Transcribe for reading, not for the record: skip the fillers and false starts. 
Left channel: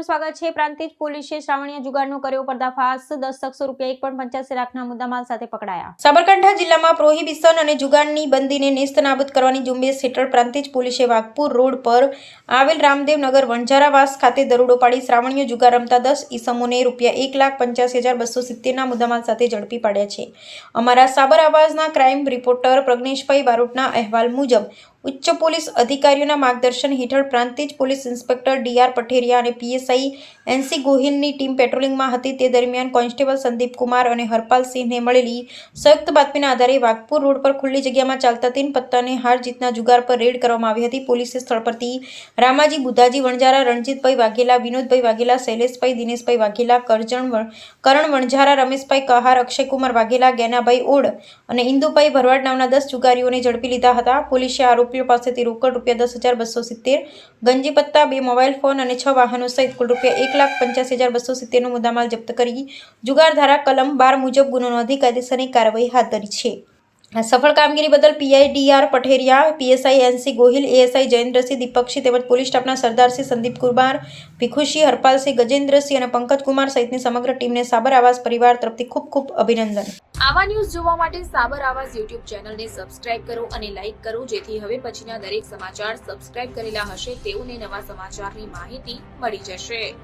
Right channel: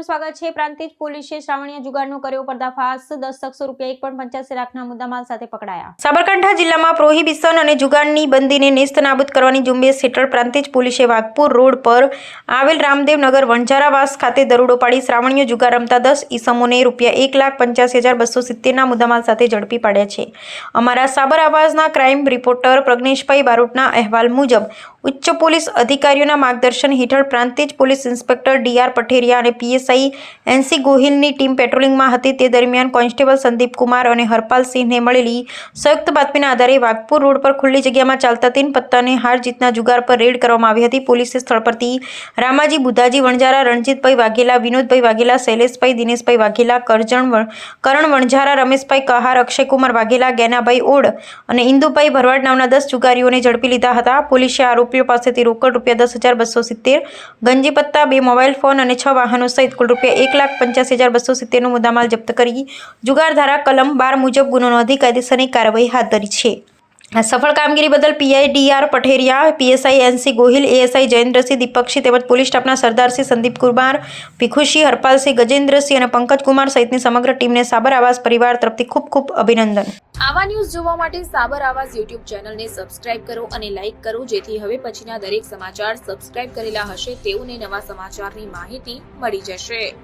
આપનું સ્વાગત છે। પ્રાંતિજ પોલીસે શ્રાવણીય જુગારનો કર્યો પર્દાફાશ। 10 શખ્સો ₹1.85 લાખના મુદ્દામાલ સાથે પકડાયા। સાબરકાંઠા જિલ્લામાં પ્રોહિબિશન અને જુગારની બંધીને નેસ્તનાબૂદ કરવાની ઝુંબેશ હેઠળ પ્રાંતિજ પોલીસે વાઘપુર રોડ પર આવેલ રામદેવનગર વણઝારાવાસ ખાતે દરોડો પાડી શ્રાવણીય જુગાર રમતા 10 ઈસમોને ₹1,85,270ના મુદ્દામાલ સાથે ઝડપી પાડ્યા છે। અમારા સાબર આવાઝના ક્રાઇમ રિપોર્ટર પ્રજ્ઞેશભાઈ બારોટના અહેવાલ મુજબ ઉચ્ચ પોલીસ અધિકારીઓના માર્ગદર્શન હેઠળ પ્રાંતિજ પોલીસ ઇન્સ્પેક્ટર ડી.આર. પઠેરિયા અને પીએસઆઈ એન.સી. ગોહિલની ટીમ પેટ્રોલિંગમાં હતી। તે દરમિયાન કોન્સ્ટેબલ સંદીપ કુમાર અને હરપાલસિંહને મળેલી સંયુક્ત બાતમીના આધારે વાઘપુર રોડ પર ખુલ્લી જગ્યામાં ચાલતા 3 પત્તાને હાર જીતના જુગાર પર રેડ કરવામાં આવી હતી। પોલીસે સ્થળ પરથી રામાજી બુધાજી વણઝારા, રણજીતભાઈ વાઘેલા, વિનોદભાઈ વાઘેલા, શૈલેષભાઈ દિનેશભાઈ વાઘેલા, કરણ વણઝારા, રમેશભાઈ કહાર, અક્ષયકુમાર વાઘેલા, ગેનાભાઈ ઓડ અને ઇન્દુભાઈ ભરવાડ નામના 10 જુગારીઓને ઝડપી લીધા હતા। પોલીસે આરોપીઓ પાસેથી રોકડ ₹10,270, ગંજી પત્તા, 2 મોબાઈલ ફોન અને 6 વાહનો સહિત કુલ ₹1,85,270નો મુદ્દામાલ જપ્ત કરી જુગાર ધારા કલમ 12 મુજબ ગુનો નોંધી કાયદેસરની કાર્યવાહી હાથ ધરી છે। આ સફળ કામગીરી બદલ PI D R. Patheria, PSI N C. Gohil, ASI Jayendrasinh, Deepaksinh તેમજ પોલીસ સ્ટાફના સરદારસિંહ, સંદીપ કુમાર, ભીખુસિંહ, હરપાલસિંહ, ગજેન્દ્રસિંહ અને પંકજકુમાર સહિતની સમગ્ર ટીમને સાબર આવાઝ પરિવાર તરફથી ખૂબ ખૂબ અભિનંદન। આવા ન્યૂઝ જોવા માટે સાબર આવાઝ યુટ્યુબ ચેનલને સબસ્ક્રાઇબ કરો અને લાઇક કરો, જેથી હવે પછીના દરેક સમાચાર સબસ્ક્રાઇબ કરેલા હશે તેઓને નવા સમાચારની માહિતી મળી જશે।